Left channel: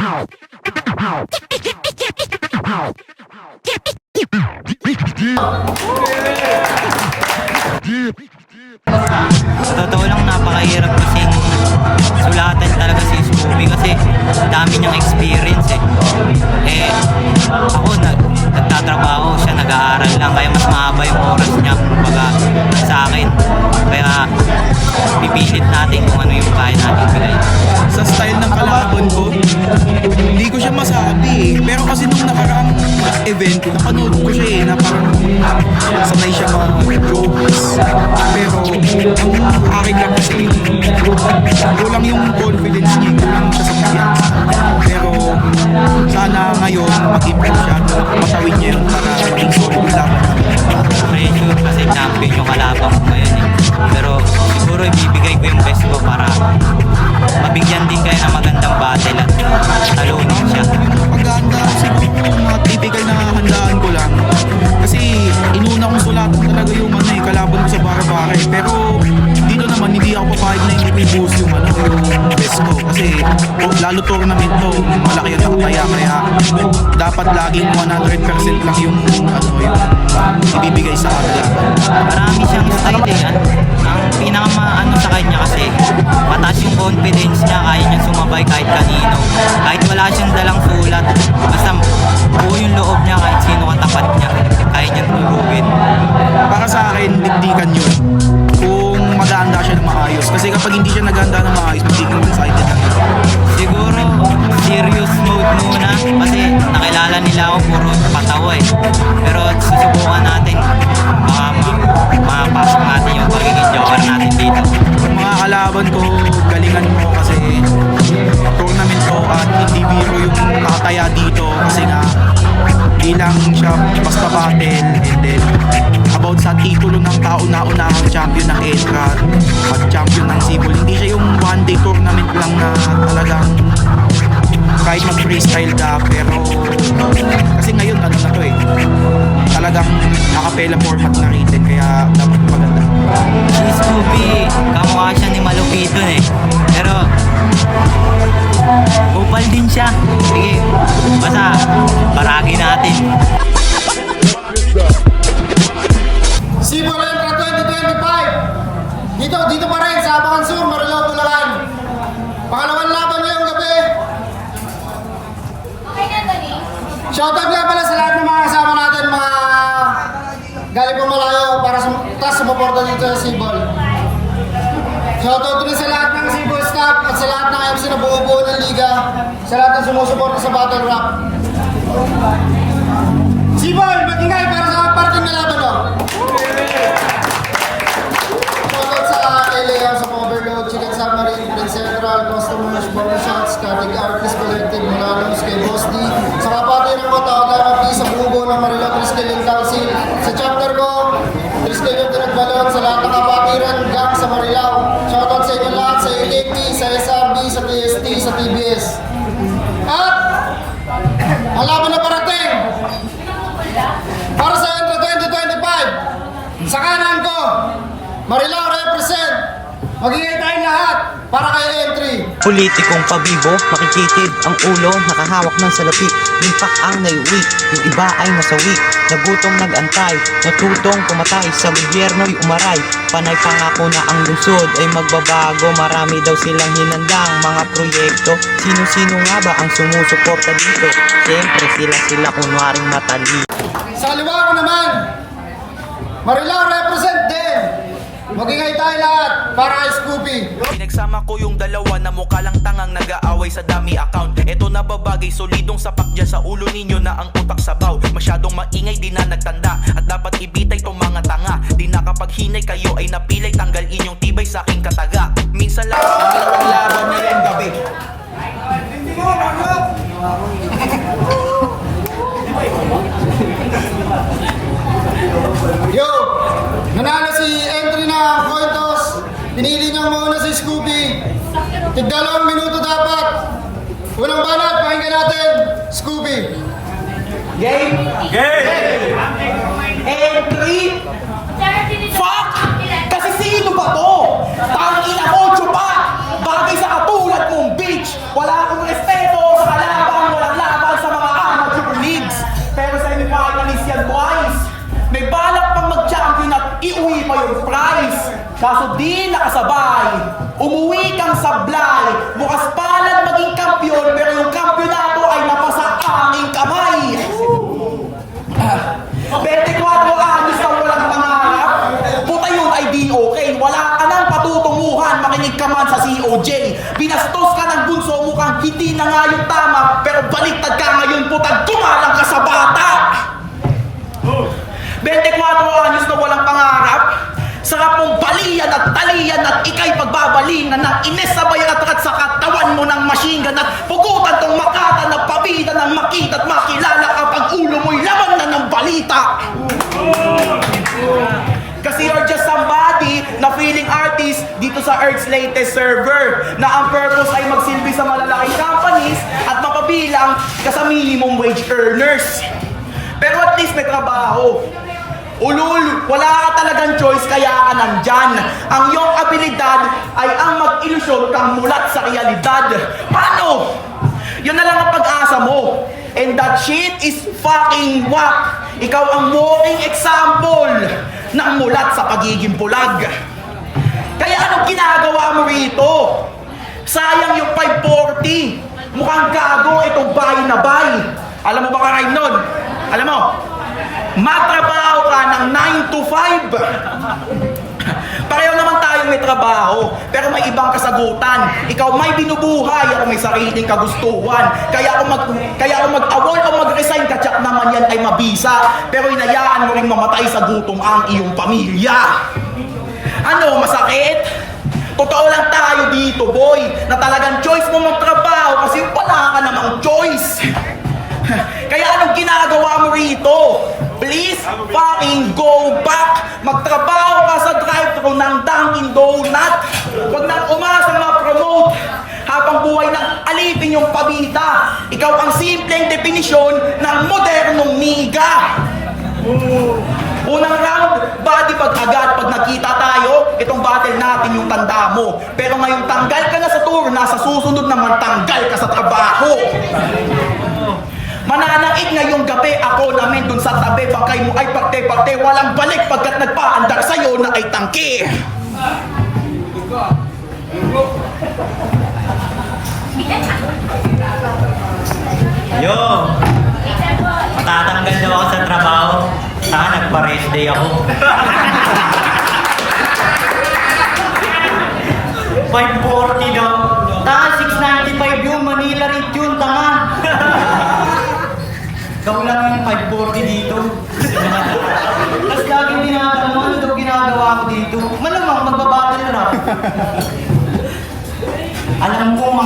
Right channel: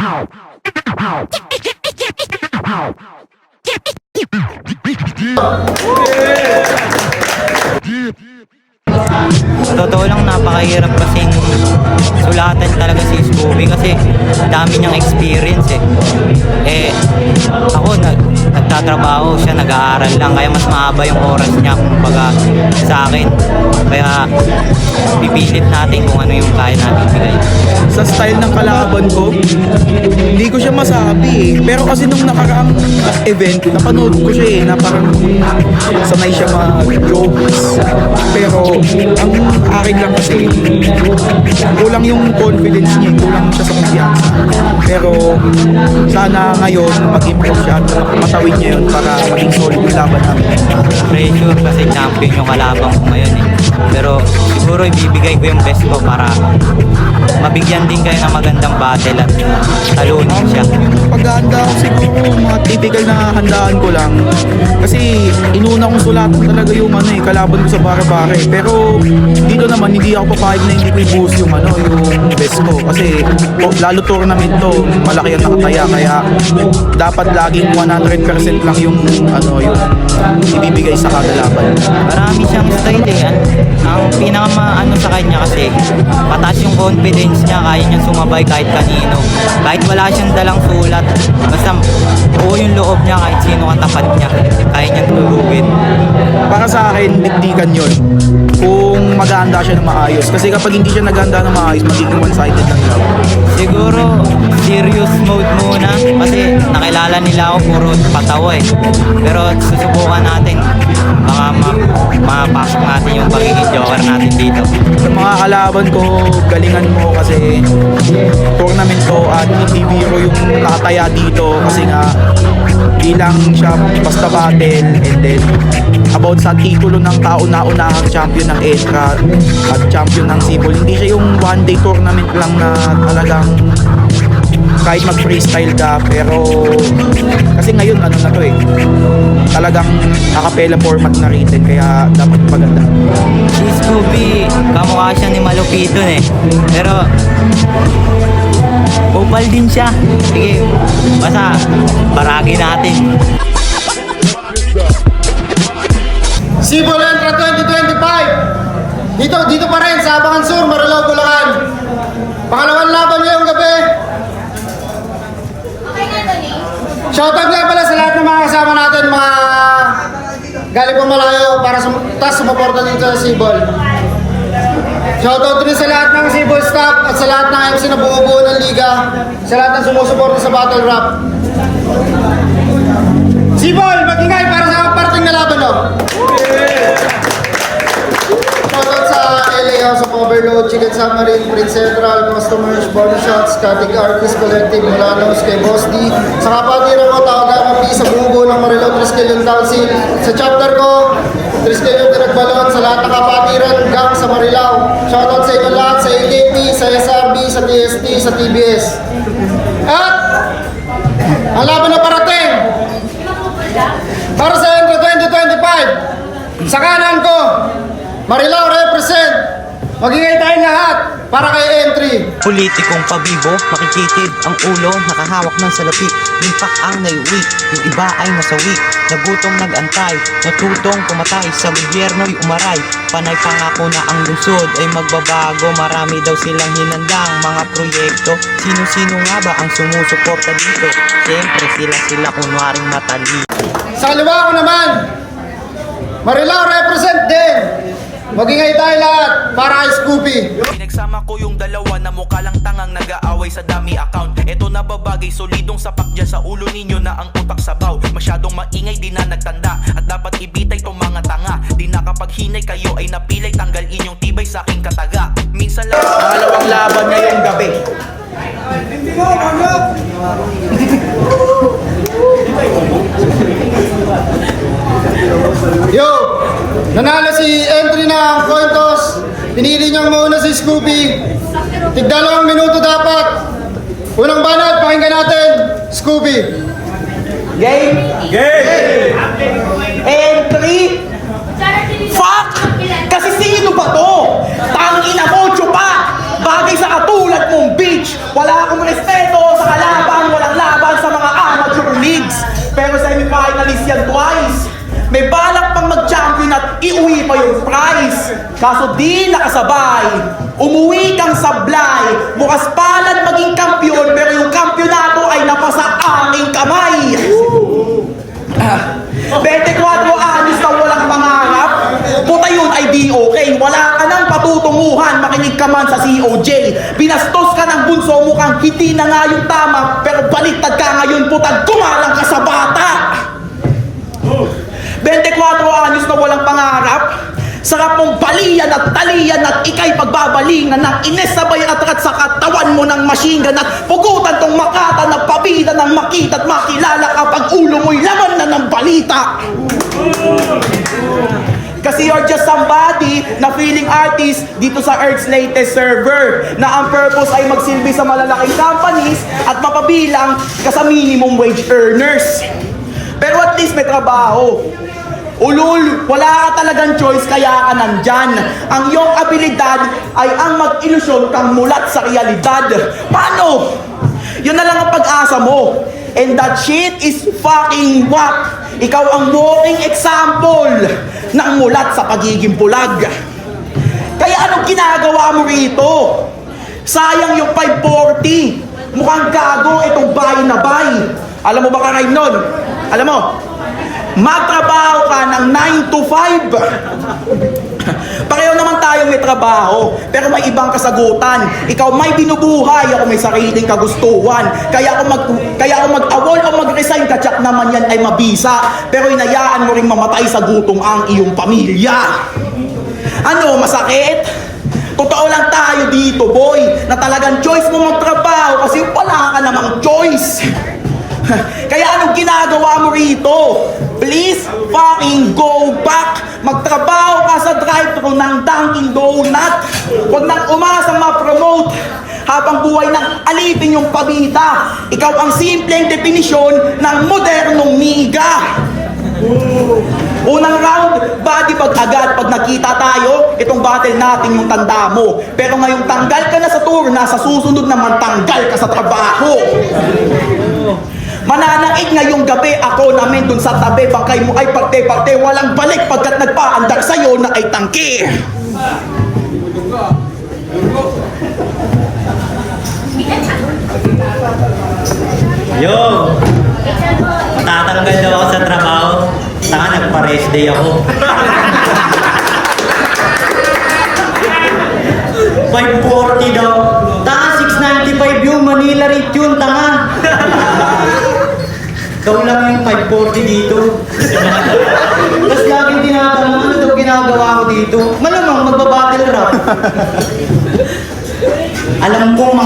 Sa totoo lang, napakahirap kasing sulatan talaga si Scooby kasi dami niyang experience ako nagtatrabaho siya, nag-aaral lang, kaya mas mahaba yung oras niya kumbaga sa akin, kaya pipilit natin kung ano yung kaya natin bigay. Sa style ng kalaban ko, hindi ko siya masabi pero kasi nung nakaraang event, napanood ko siya na parang sanay siya mag-jokes, pero ang akin lang kasi kulang yung confidence niya, kulang siya sa kumpiyansa, pero sana ngayon mag-improve siya at matawid niya yun para maging solid yung laban namin. Pressure kasi champion yung kalabang ko ngayon pero siguro ibibigay ko yung best ko para mabigyan din kayo ng magandang battle at talunin siya. Paghahanda ko siguro mga typical na handaan ko lang kasi inuna kong sulatan talaga yung kalaban ko sa pare-pare, pero dito naman hindi ako papayag na hindi ko i-boost yung yung best ko kasi lalo tournament to, malaki ang nakataya, kaya dapat laging 100% lang yung yung ibibigay sa kada laban. Marami siyang style ang pinaka sa kanya kasi mataas yung confidence niya, kaya niya sumabay kahit kanino, kahit wala siyang dalang sulat, basta buo yung loob niya, kahit sino katapat niya kaya niya tulugin. Para sa akin, dikdikan yun kung maghahanda siya ng maayos, kasi kapag hindi siya naghahanda ng maayos, magiging one-sided lang yun. Siguro serious mode muna kasi nakilala nila ako puro patawa pero susubukan natin, baka mapasok natin yung pagiging joker natin dito. Sa mga kalaban ko, galingan mo kasi tournament ko at hindi biro yung nakataya dito kasi nga di lang siya basta battle, and then about sa titulo ng kauna-unahang champion ng ETRA at champion ng Cebol. Hindi siya yung one day tournament lang na talagang kahit mag-freestyle ka, pero kasi ngayon na to talagang acapella format na rin, kaya dapat maganda. Si Scooby, kamukha siya ni Malupito pero kupal din siya. Sige, basta baragi natin. Cebol ETRA 2025 dito pa rin sa Abangan Sur, Marilao, Bulacan. Pangalawang laban ngayong gabi. Shoutout nga pala sa lahat ng mga kasama natin, mga galing pa malayo para sumuporta dito sa Cebol. Shoutout din sa lahat ng Cebol staff at sa lahat ng MC na buo-buo ng liga, sa lahat ng sumusuporta sa Battle Rap. Cebol, mag-ingay para sa parting na laban, no? Shoutout sa LA House of Overload, Chicken Submarine, Prince Central, Customers, Barbershops, Static Artist Collective, Mulanos, kay Boss D, sa kapatiran ko, Tawagama P, sa buo ng Marilao Triskelion Council, sa chapter ko, Triskelion Diragbalon, sa lahat ng kapatiran, gang sa Marilao. Shoutout sa inyo lahat, sa AKT, sa SRB, sa TST, sa TBS. At, ang laban na parating, para sa ETRA 2025, sa kanan ko, Marilao represent. Magingay tayo lahat para kay entry. Politikong pabibo, makikitid ang ulo, nakahawak ng salapi, limpak ang naiuwi, yung iba ay nasawi, nagutom nag-antay, natutong pumatay, sa gobyerno'y umaray, panay pangako na ang lungsod ay magbabago, marami daw silang hinandang mga proyekto, sino-sino nga ba ang sumusuporta dito? Siyempre sila kunwaring matali. Sa kaliwa ko naman, Marilao represent din. Magingay tayo lahat para kay Scooby. Pinagsama ko yung dalawa na mukha lang tangang nag-aaway sa dummy account. Eto na babagay, solidong sapak dyan sa ulo ninyo na ang utak sabaw. Masyadong maingay, di na nagtanda, at dapat ibitay tong mga tanga. Di na kapag hinay kayo ay napilay, tanggal inyong tibay sa aking kataga. Minsan lang Pangalawang laban ngayong gabi. Yo! Nanalo si entry na Cointos. Pinili niyang mauna si Scooby. Tig-2 minuto dapat. Unang banat, pakinggan natin, Scooby. Game? Game! Entry? Fuck! Kasi sino ba to? Tangina mo, chupa! Bagay sa katulad mong bitch! Wala akong respeto sa kalaban! di nakasabay. Umuwi kang sablay, bukas palad maging kampyon, pero yung kampyonato ay napasa aking kamay. 24 anos na walang pangarap, puta yun ay di okay. Wala ka nang patutunguhan, makinig ka man sa COJ. Binastos ka ng bunso, mukhang hindi na nga yung tama, pero baliktad ka ngayon, puta, gumalang ka sa bata. 24 anos na walang pangarap, sarap mong balian at talian at ikay pagbabalingan ng inesabay at rat sa katawan mo ng machine gun at pugutan tong makata na pabida ng makita at makilala kapag ulo mo'y laman na ng balita. Kasi you're just somebody na feeling artist dito sa Earth's latest server na ang purpose ay magsilbi sa malalaking companies at mapabilang ka sa minimum wage earners. Pero at least may trabaho. Ulul, wala ka talagang choice kaya ka nandyan. Ang iyong abilidad ay ang mag-ilusyon kang mulat sa realidad. Paano? Yun na lang ang pag-asa mo. And that shit is fucking whack. Ikaw ang walking example ng mulat sa pagiging bulag. Kaya anong ginagawa mo rito? Sayang yung 540. Mukhang gago itong bay na bay. Alam mo ba ka nun? Alam mo? Magtrabaho ka ng 9 to 5. Pareho naman tayong may trabaho, pero may ibang kasagutan. Ikaw may binubuhay, ako may sariling kagustuhan. Kaya ako mag-awol o mag-resign, katsak naman yan ay mabisa. Pero inayaan mo rin mamatay sa gutom ang iyong pamilya. Ano, masakit? Totoo lang tayo dito, boy, na talagang choice mo magtrabaho kasi wala ka namang choice. Kaya anong ginagawa mo rito? Please fucking go back. Magtrabaho ka sa drive-thru ng Dunkin' Donut. Huwag nang umasang ma-promote habang buhay nang alipin yung pabita. Ikaw ang simpleng definisyon ng modernong miga. Unang round, body bag agad. Pag nakita tayo, itong battle natin yung tanda mo. Pero ngayong tanggal ka na sa tour, nasa susunod naman tanggal ka sa trabaho. Mananaig ngayong gabi, ako namin dun sa tabi. Bangkay mo ay parte-parte, walang balik pagkat nagpaandar sa'yo na ay tangke. Yo! Matatanggal daw ako sa trabaho. Saka nagpa-rest day ako. 540 daw. Taka 695 yun. Manila rate yun, tanga. Ikaw lang yung 540 dito. Tapos laging tinatanong, ano daw ginagawa ko dito? Malamang magbabattle rap. Alam kong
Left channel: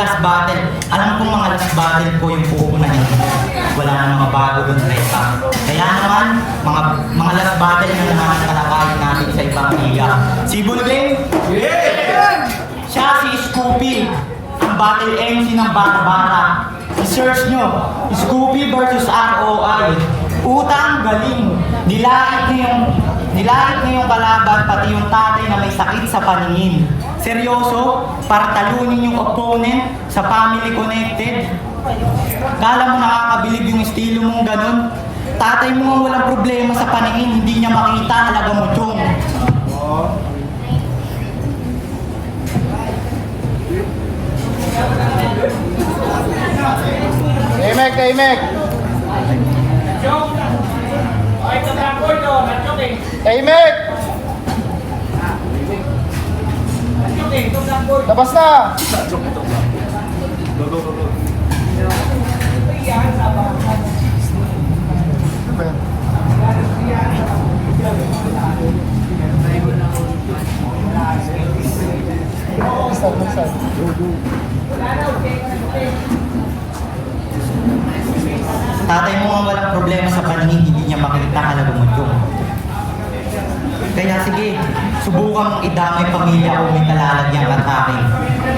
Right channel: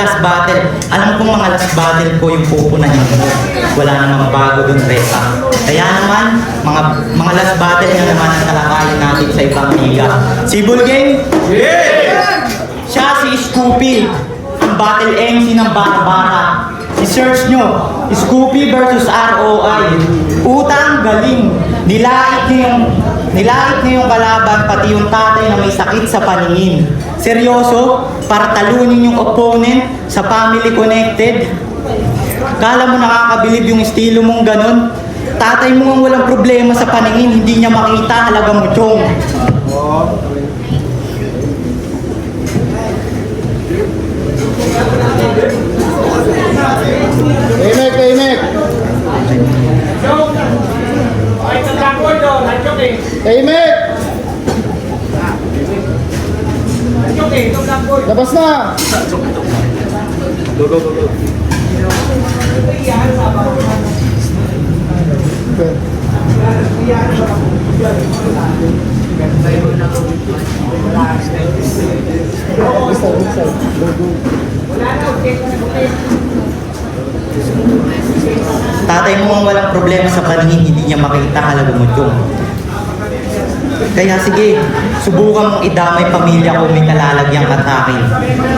last battle. Alam kong mga last battle ko yung pupunahin ko. Wala na mga bago dun, Reza. Kaya naman, mga last battle yun naman ang talakayin natin sa ibang liga. Si Bulgeng? Yeah! Siya si Scoopy. Ang battle MC ng Barbara. I-search nyo, Scoopy versus ROI. Utang galing. Nilait niyo yung kalaban, pati yung tatay na may sakit sa paningin. Seryoso, para talunin yung opponent sa family connected. Kala mo nakakabilib yung estilo mong ganon? Tatay mo ang walang problema sa paningin, hindi niya makita, halaga mo chong. Tahimik. Tahimik! Labas na! Go. Tatay mo ang walang problema sa paningin, hindi niya makita, halaga mo chong. Kaya sige, subukan mong idamay pamilya kung may nalalagyan ka sa akin.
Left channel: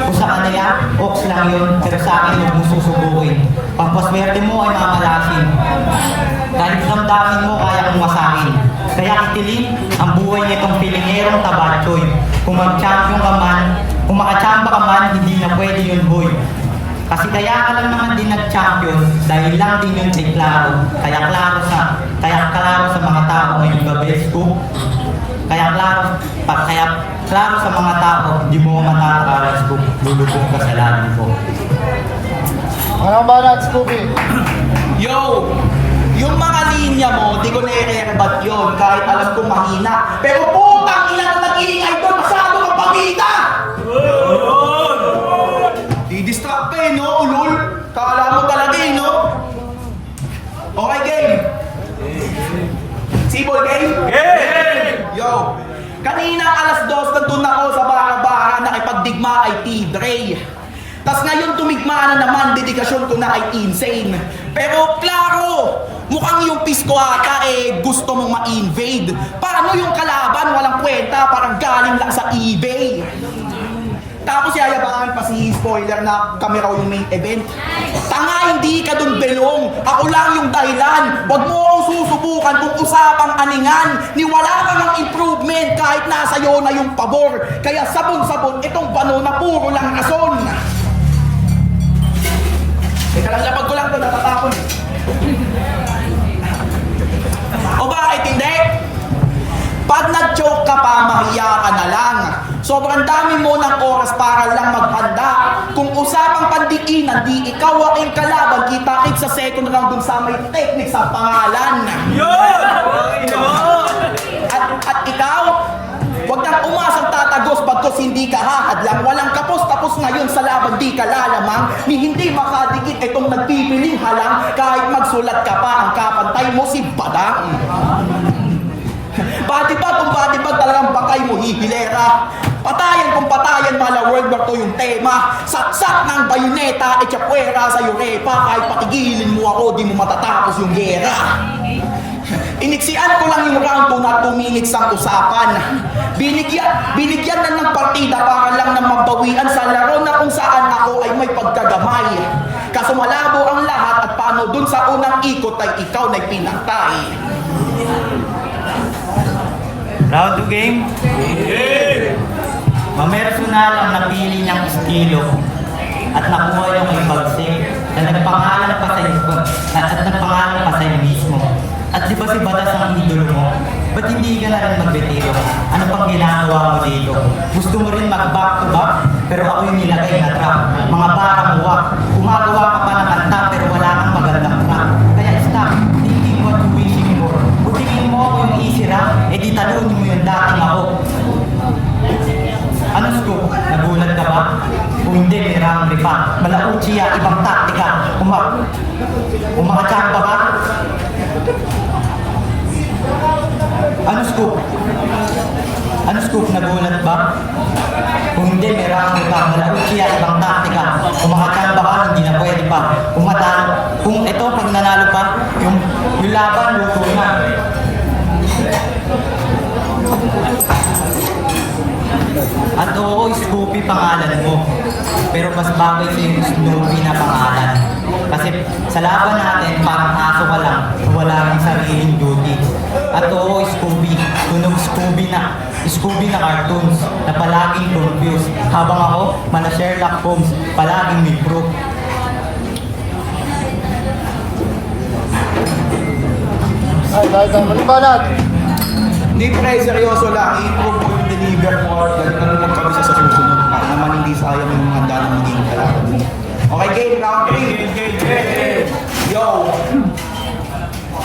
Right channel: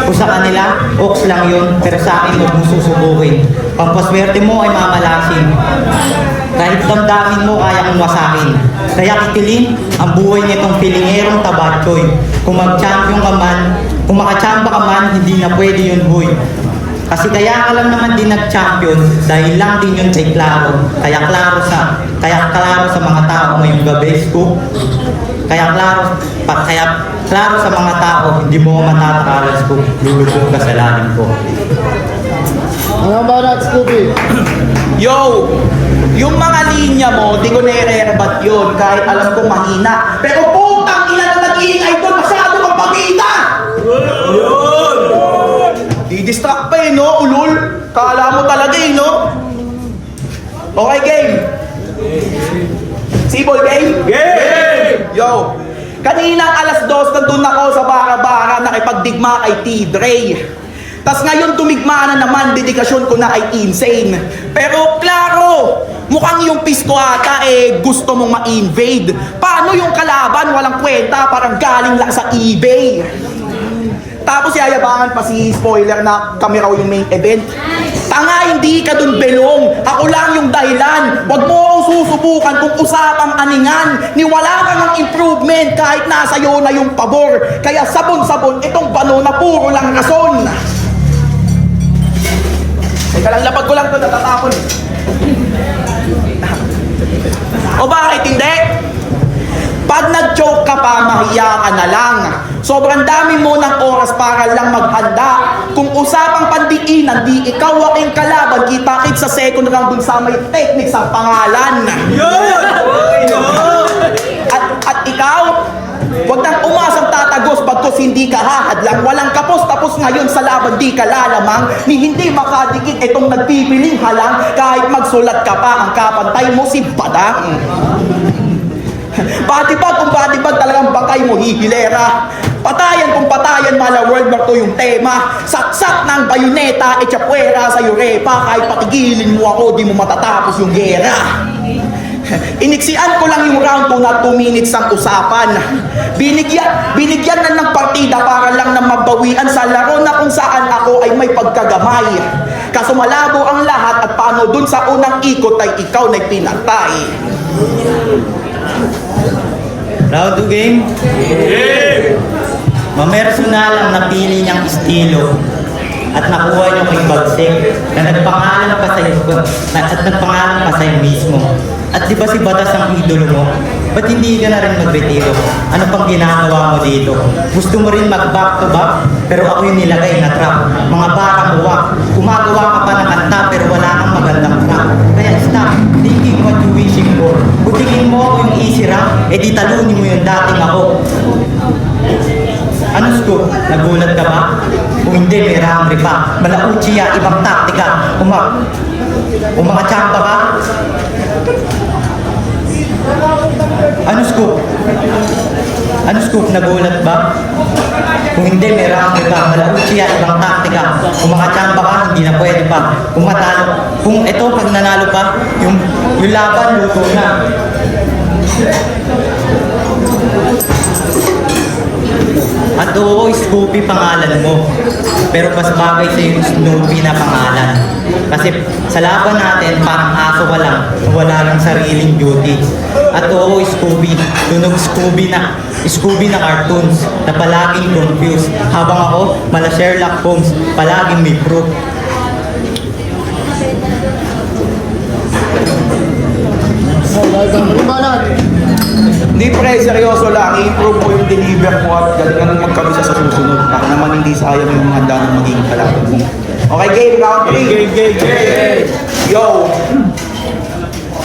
Kung sa kanila, oks lang yun, pero sa akin huwag mong susubukin. Pampaswerte mo ay mamalasin. Kahit damdamin mo, kaya mong wasakin. Kaya kitilin ang buhay nitong pilingerong tabatsoy. Kung mag-champion ka man, kung makachamba ka man, hindi na pwede yun, boy. Kasi kaya ka lang naman din nag-champion dahil lang din yun kay Claro. Kaya klaro sa mga tao ngayong gabi, Scoop. Kaya klaro sa mga tao, hindi mo matatawalan, Scoop. Lulubog ka sa lalim ko. Mga marat, Scooby. Yo! Yung mga linya mo, di ko nire-rebat yun kahit alam kong mahina. Pero putang ina na nag-iingay doon, masyado kang pamita! Di-distract pa eh, no, ulul? Kala mo talaga eh, no? Okay, game! Sibol, game? Game! Yo! Kanina alas 2 nandun ako sa bara-bara nakipagdigma kay T-Dre. Tas ngayon tumigma na naman, dedikasyon ko na ay insane. Pero klaro, mukhang yung pisto ata gusto mong ma-invade. Paano yung kalaban, walang kwenta, parang galing lang sa eBay. Tapos yayabangan pa si spoiler na kami raw yung main event. Tanga, hindi ka dun belong. Ako lang yung dahilan. Huwag mo akong susubukan kung usapang aningan. Niwala ka ng improvement kahit nasa iyo na yung pabor. Kaya sabon-sabon itong bano na puro lang rason. Ay, kalalapag ko lang ito, natatapon. O bakit hindi? Pag nag-joke ka pa, mahiya ka na lang. Sobrang dami mo ng oras para lang maghanda. Kung usapang pandikinan, di ikaw aking kalaban. Kita-kit sa second round dun sa may technique sa pangalan. At ikaw, huwag nang umasang tatagos bagkos hindi ka hahadlang. Walang kapos tapos ngayon sa laban di ka lalamang. Ni hindi makadikit itong nagpipiling halang. Kahit magsulat ka pa ang kapantay mo si Badang. Batibag kung batibag talagang bakay mo hihilera. Patayan kung patayan mala World War II yung tema. Saksak ng bayoneta echapuera sa Europa. Kahit patigilin mo ako di mo matatapos yung gera. Iniksian ko lang yung round 2 na 2 minutes ang usapan. Binigyan na ng partida para lang na mabawian sa laro na kung saan ako ay may pagkagamay. Kaso malabo ang lahat at paano dun sa unang ikot ay ikaw na pinatay. Round 2 game? Mamersonal ang napili niyang estilo at nakuha niyo kay Bagsik na nagpangalan pa sa'yo mismo. At di ba si Batas ang idolo mo? Ba't hindi ka na rin magretiro? Ano pang ginagawa mo dito? Gusto mo rin mag-back to back? Pero ako yung nilagay na trap. Mga bakang uwak. Gumagawa ka pa ng kanta pero wala kang magandang track. Kaya stop thinking what you wishing for. Butigin mo ako yung easy round, di talunin mo yung dating ako. Ano Scoop? Nagulat ka ba? Kung hindi, may round 3 pa. Malauchiya, ibang taktika. Umakachamba ka? Ano Scoop? Ano Scoop? Nagulat ba? Kung hindi, may round 3 pa. Malauchiya, ibang taktika. Umakachamba ka, hindi na pwede pa. Kung matalo, kung ito, pag nanalo pa, yung laban, luto na. At oo, Scoopy pangalan mo. Pero mas bagay sa yung Snoopy na pangalan. Kasi sa laban natin, parang aso ka lang, wala lang sariling beauty. At oo, Scooby, tunog Scooby na cartoons na palaging confused. Habang ako, mala Sherlock Holmes, palaging may proof. Hindi pre, seryoso lang. I-improve mo yung deliver mo at galingan mo magkabisa sa susunod. Para naman hindi sayang yung handa ng magiging kalaban mo. Okay, game, round 3. Game. Yo!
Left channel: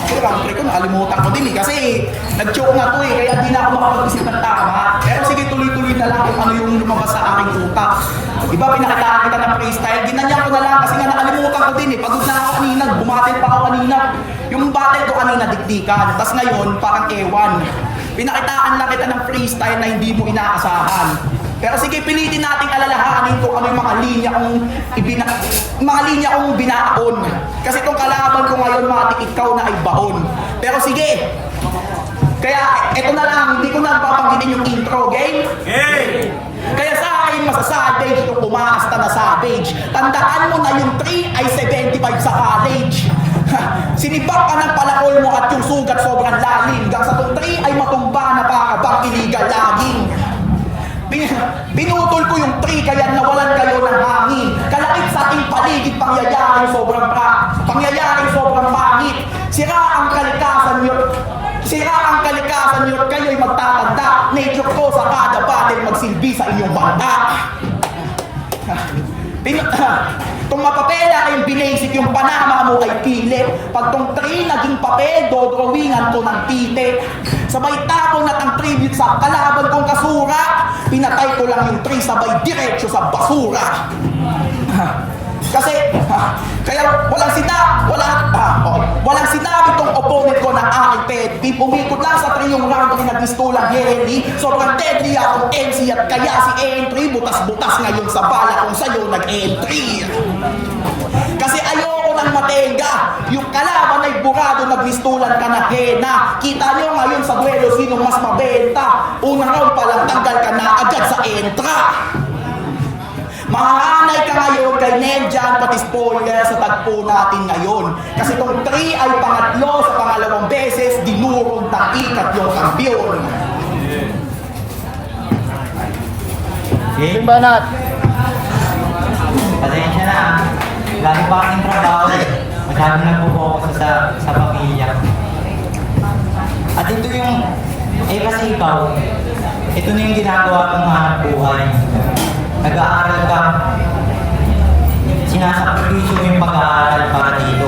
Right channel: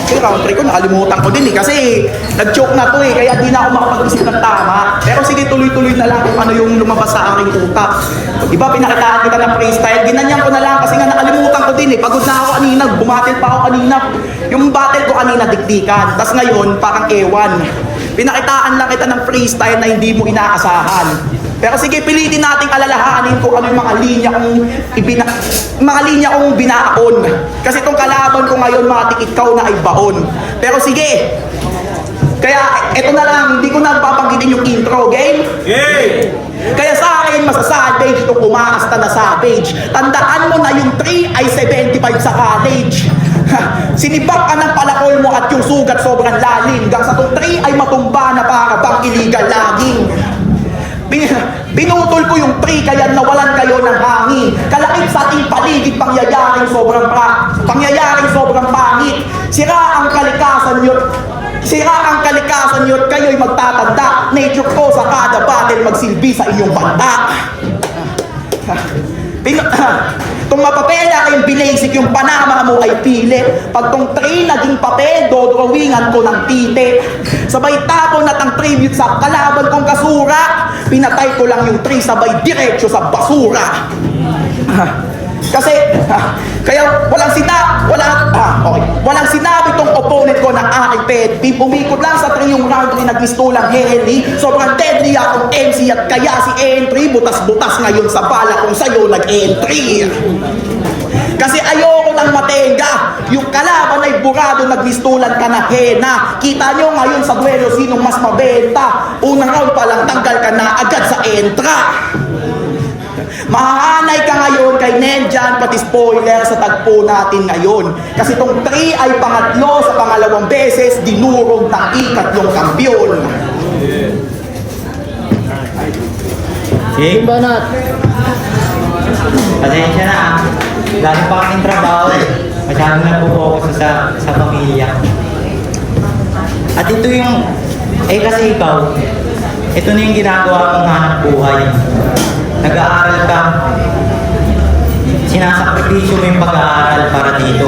Okay, round 3 ko, nakalimutan ko din kasi nag-choke na to kaya di na ako makapag-isip ng tama. Pero sige, tuloy-tuloy na lang kung ano yung lumabas sa aking utak. Diba, pinakitaan kita ng freestyle, ginanyan ko na lang kasi nga nakalimutan ko din pagod na ako kanina, bumatil pa ako kanina. Yung battle ko kanina, dikdikan. Tas ngayon, parang ewan. Pinakitaan lang kita ng freestyle na hindi mo inaasahan. Pero sige, pilitin nating alalahanin kung ano yung mga linya kong binaon. Kasi itong kalaban ko ngayon, mga tikikaw na ay baon. Pero sige, kaya ito na lang, hindi ko na papanggitin yung intro. Game? Game! Kaya sa akin, masasavage itong umaasta na savage. Tandaan mo na yung 3 ay 75 sa college. Sinibak ka ng palakol mo at yung sugat sobrang lalim. Hanggang sa itong 3 ay matumba na para bang illegal laging. Binutol ko yung 3 kaya nawalan kayo ng hangin. Kalakip sa ating paligid pangyayaring sobrang pangit. Sira ang kalikasan nyo at kayo'y magtatanda. Nature ko sa kada battle magsilbi sa inyong banta. Itong mapapela kayong binasic, yung Panama mo ay pilit. Pag tong 3 naging papel, dodrawingan ko ng tite. Sabay tapon at ang tribute sa kalaban kong kasura. Pinatay ko lang yung 3 sabay diretso sa basura. Kasi, kaya walang sinabi tong opponent ko ng aking pet team. Umikot lang sa 3 yung round 3 nagpistulang heli. Sobrang deadly akong MC at kaya si entry butas-butas ngayon sa bala kung sa'yo nag-entry. Kasi ayoko ng matenga. Yung kalaban ay burado, nagpistulan ka na hena. Kita nyo ngayon sa duelo sinong mas mabenta. Unang round pa lang tanggal ka na agad sa entra. Mahahanay ka ngayon kay Nenjan, pati spoiler sa tagpo natin ngayon. Kasi itong 3 ay pangatlo sa pangalawang beses, dinurog ng ikatlong kampyon. Okay? Banat. Pasensya na. Galing pa aking trabaho. Masyadong nagpo-focus sa pamilya. At ito yung, kasi ikaw, ito na yung ginagawa mong hanap buhay. Nag-aaral ka, sinasakripisyo mo yung pag-aaral para dito.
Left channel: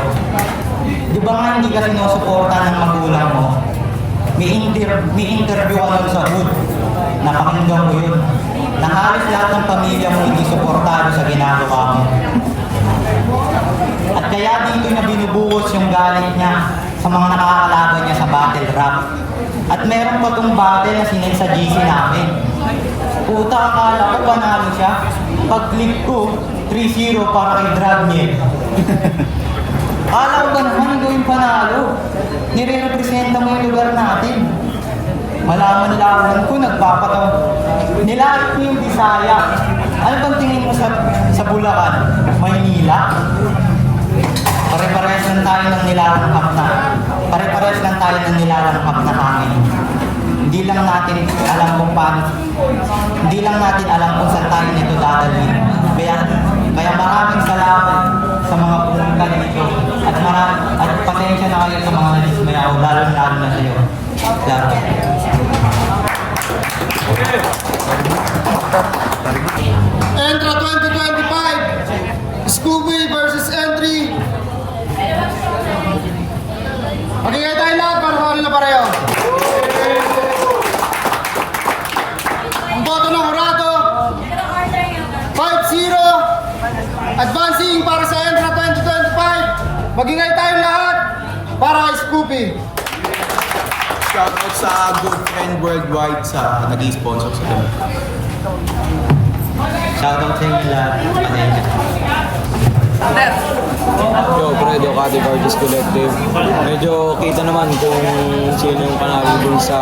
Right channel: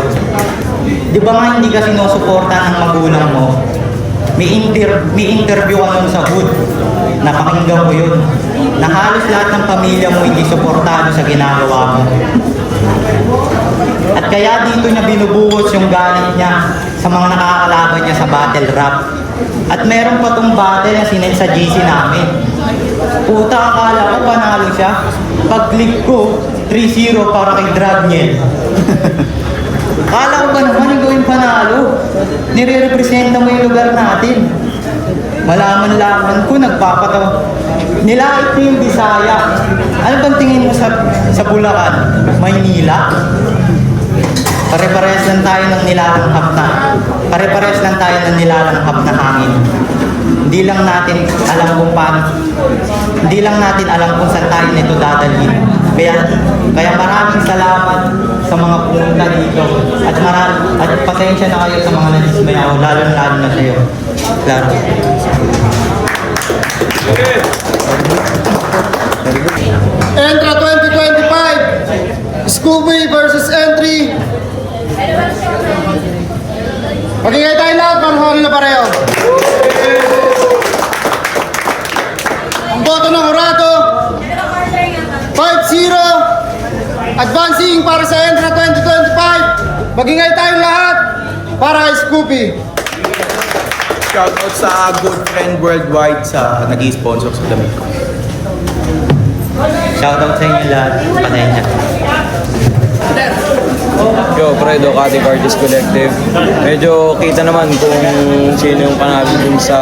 Di ba nga hindi ka sinusuporta ng magulang mo? May interview ka nun sa hood, napakinggan mo yun, na halos lahat ng pamilya mo hindi suportado sa ginagawa mo. At kaya dito niya binubuhos yung galit niya sa mga nakakalaban niya sa battle rap. At meron pa tong battle na sinend sa GC namin. Puta, akala ko panalo siya. Pag-click ko, 3-0 para kay Dragniel. Akala ko ba naman gawin panalo? Nire-representa mo yung lugar natin. Malaman-laman ko, nagpapataw. Nilait mo yung Bisaya. Ano bang tingin mo sa Bulacan? Maynila? Pare-parehas lang tayo ng nilalanghap na. Pare-parehas lang tayo ng nilalanghap na hangin. Hindi lang natin alam kung saan tayo nito dadalhin. Kaya maraming salamat sa mga pumunta dito. At pasensya na kayo sa mga nadismay ako, lalo na sa'yo. Lalo. Entra 2025, Scooby versus Entry. Magigay tayo lahat para makawala na pareho. Ang boto ng Jurado, 5-0. Advancing para sa Entra 2025. Magingay tayong lahat para kay Scooby. Shoutout sa Good Friend Worldwide sa nag-i-sponsor sa damit ko. Shoutout sa inyo lahat. Pasensya. Yo, Fredo, Kati Artist Collective. Medyo kita naman kung sino yung panalo dun sa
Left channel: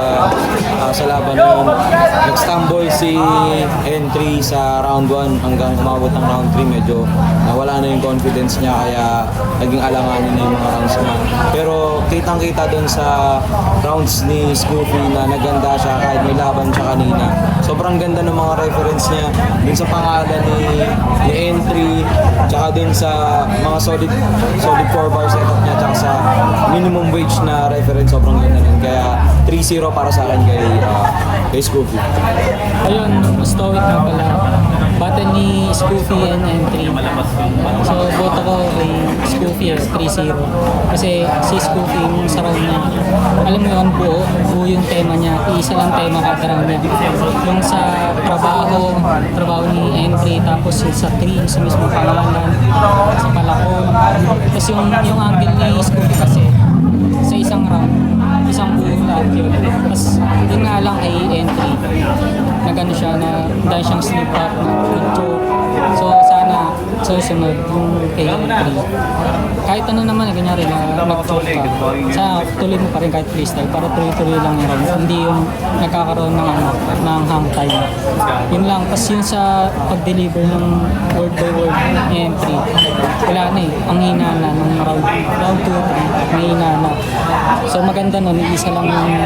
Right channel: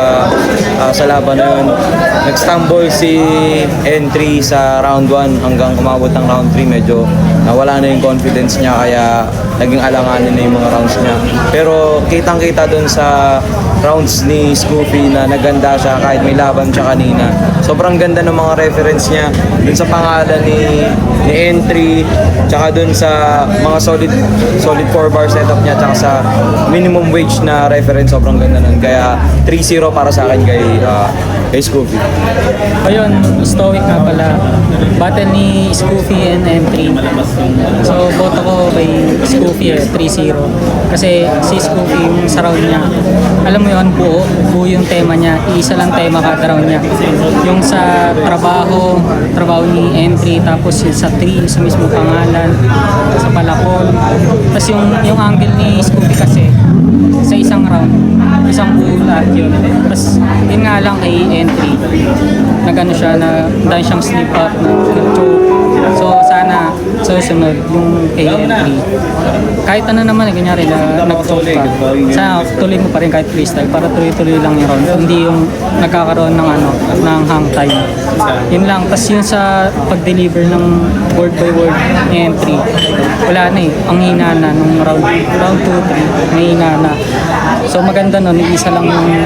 laban na yun. Nag-stumble si Entry sa round 1 hanggang umabot ng round 3. Medyo nawala na yung confidence niya kaya naging alanganin na yung mga rounds niya. Pero kitang-kita dun sa rounds ni Scoopy na naganda siya kahit may laban siya kanina. Sobrang ganda ng mga reference niya dun sa pangalan ni Entry, tsaka dun sa mga solid 4-bar setup niya, tsaka sa minimum wage na reference. Sobrang ganda nun. Kaya 3-0 para sa akin kay Scoopy. Ayun, stoic nga pala. Battle ni Scoopy and Entry. So, boto ko kay Scoopy 3-0. Kasi si Scoopy yung sa round niya, alam mo yun, buo yung tema niya. Iisa lang tema kada round niya. Yung sa trabaho ni Entry, tapos yung sa 3, sa mismo pangalan, sa palakol. Tapos yung angle ni Scoopy kasi, sa isang round, isang buo lahat yun. Tapos, yun nga lang kay Entry, nagano siya na dahil siyang slip up na choke. So sana sa susunod yung kay Entry, kahit ano naman kunyari na nag-choke ka, sana tuloy mo pa rin kahit freestyle para tuloy-tuloy lang yung round, hindi yung nagkakaroon ng hang time. Yun lang. Tas yun sa pag-deliver ng word by word ni Entry, wala na ang hina na nung round 2, 3 may hina na. So maganda nun, isa lang yung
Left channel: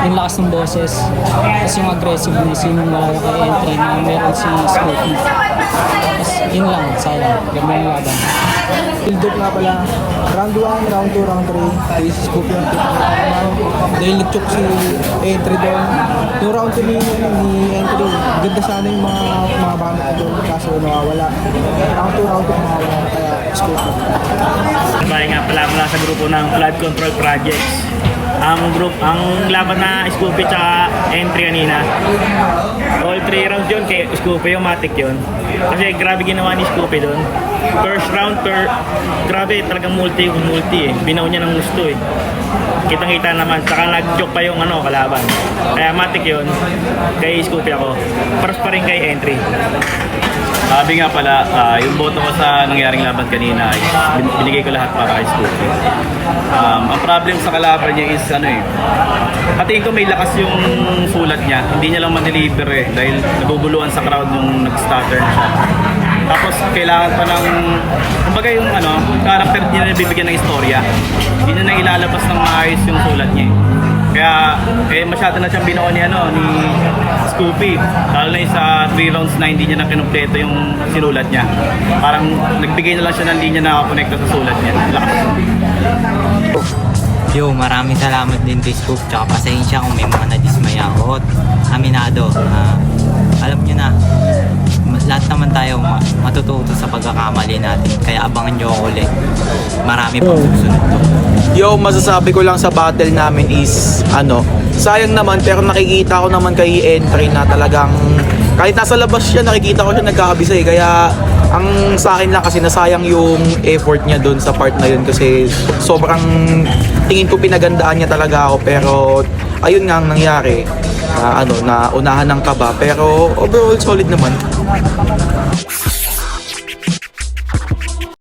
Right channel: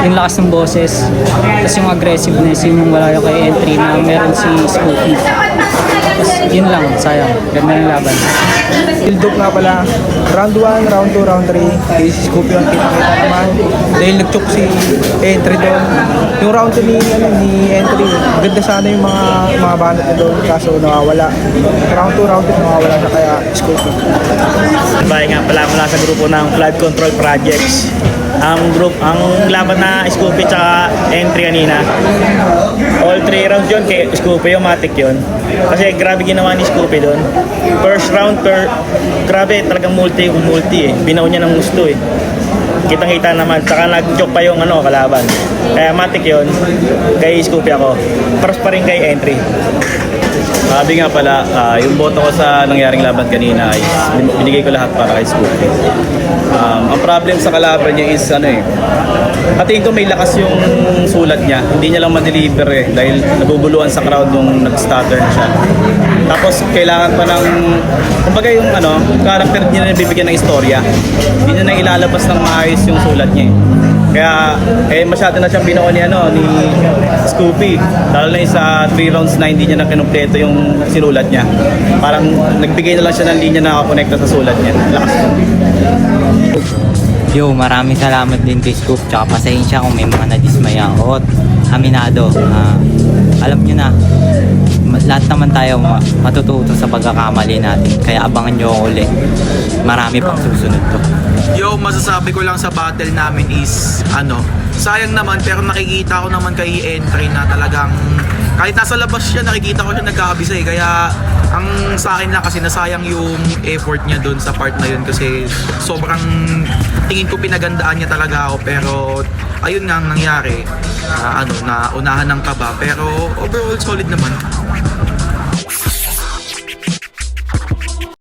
yung lakas ng boses, tapos yung aggressiveness, yun yung wala yung kay Entry na meron si Scoopy. Tapos yun lang, sayang, ganda ng laban. Build up nga pala. Round 1, round 2, round 3. Kay si Scoopy ang kita-kita naman. Dahil nag-choke si Entry doon. Yung round 2 ni Entry, ganda sana yung mga banat na doon. Kaso nawawala. Round 2, round 2, nawawala na kaya Scoopy. Bahay nga pala mula sa grupo ng Flood Control Projects. Ang laban na Scoopy tsaka Entry kanina. All 3 rounds yun kay Scoopy, yung matic yun. Kasi grabe ginawa ni Scoopy doon. First round, grabe talagang multi eh. Binaw niya ng gusto eh. Kitang-kita naman. Tsaka nag-joke pa yung kalaban. Kaya matic yun. Kay Scoopy ako. Paras pa rin kay Entry. Sabi nga pala, yung boto ko sa nangyaring laban kanina is binigay ko lahat para kay Scoopy. Ang problem sa kalaban niya is tingin ko may lakas yung sulat niya. Hindi niya lang ma-deliver dahil nabubuluan sa crowd yung nag-stutter na siya. Tapos kailangan pa ng, kumbaga yung character niya na bibigyan ng istorya. Hindi niya na ilalabas ng maayos yung sulat niya. Kaya masyado na siyang binuo ni Scoopy. Lalo na sa 3 rounds na hindi niya na kinumpleto yung sinulat niya. Parang nagbigay na lang siya ng linya na nakakonekta sa sulat niya. Lakas. Yo, maraming salamat din kay Scoop, tsaka pasensya kung may mga nadismaya ako. Aminado, alam nyo na, lahat naman tayo matututo sa pagkakamali natin. Kaya abangan nyo ako ulit. Marami pang susunod to. Yo, masasabi ko lang sa battle namin is, sayang naman, pero nakikita ko naman kay Entry na talagang, kahit nasa labas siya, nakikita ko siya nagkakabisa eh. Kaya, ang sa akin lang kasi nasayang yung effort niya doon sa part na yun kasi sobrang tingin ko pinagandaan niya talaga ako, pero ayun nga ang nangyari na unahan ng kaba, pero overall solid naman.